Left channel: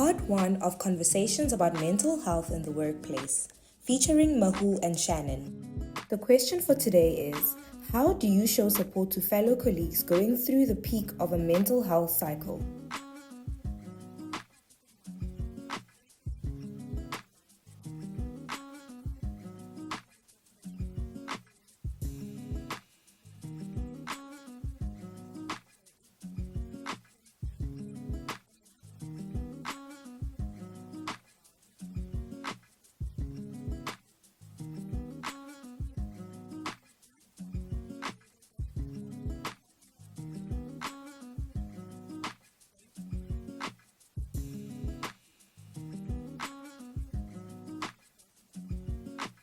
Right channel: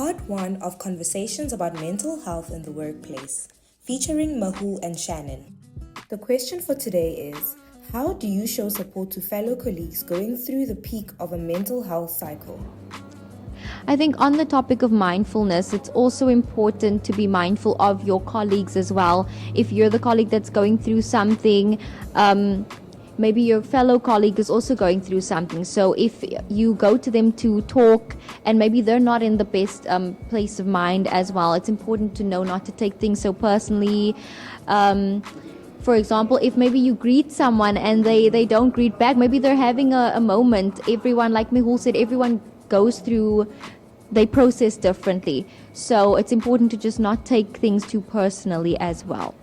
Part 1 of Conversations about Mental Health in the Workplace, featuring Mehul and Shannon. The question for today is, how do you show support to fellow colleagues going through the peak of a mental health cycle? I think on the topic of mindfulness, it's also important to be mindful of your colleagues as well. If you're the colleague that's going through something, maybe your fellow colleague is also going through something. So if you go to them to talk and maybe they're not in the best place of mind as well, it's important to know not to take things so personally. For example, if maybe you greet someone and they don't greet back, maybe they're having a moment. Everyone, like Mehul said, everyone goes through, they process differently. So it's important to just not take things too personally as well.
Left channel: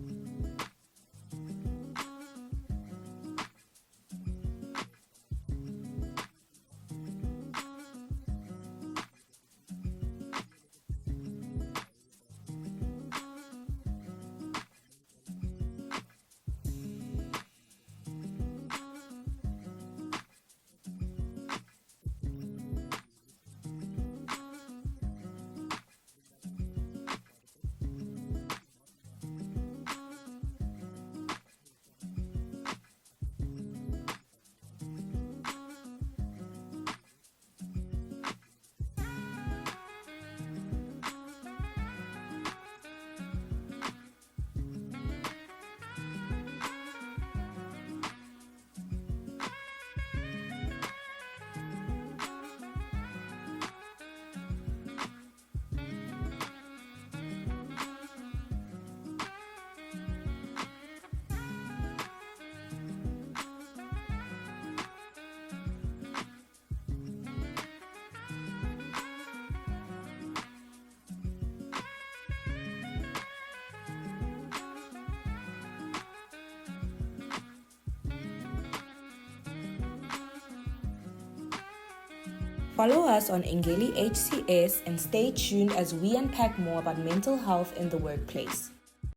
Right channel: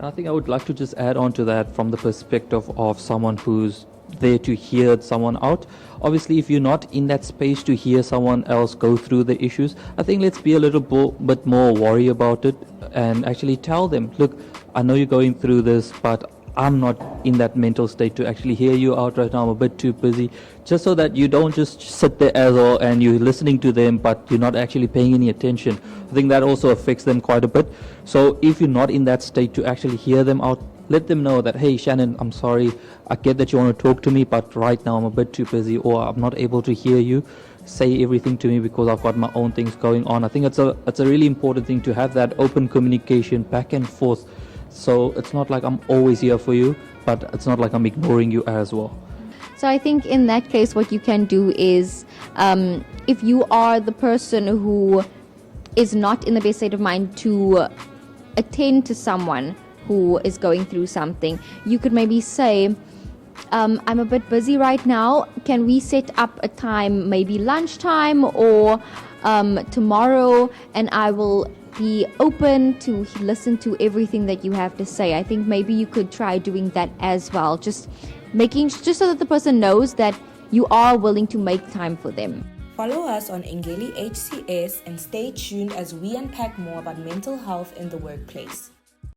I think I would like to just add on to that from the perspective of someone who's there to hear someone out. Obviously, if you're not in that space to hear someone else go through the issues, I think let's be a little bit more worried about it and actually tell them, look, I know you're going through this, but I'm not in that mental state to actually hear you out right now. I'm a bit too busy. Just so that you don't just sit there as well and you're listening to them, but you're not actually paying any attention. I think that also affects them quite a bit. So if you're not in that state to actually hear them out, let them know that, hey, Shannon, I'm sorry. I get that you want to talk to me, but right now I'm a bit too busy or I'm not able to hear you. Say everything to me because I've got my own things going on. I think it's a really important thing to have that open communication back and forth. So it's not like I'm always here for you, but it's not like I'm ignoring you as well. So I think in that case, what you can do is, if you are the person who is not in the best state of mind to attend to someone who is going through something, you could maybe say, I'm a bit busy right now. Can we set up a time, maybe lunchtime or tomorrow, and I will be open to listen to everything that you have to say. I think maybe you could try doing that as well. Just so that the person knows that you are willing to make time for them. Follow us on Engeli HCS and stay tuned as we unpack more about mental health in the workplace.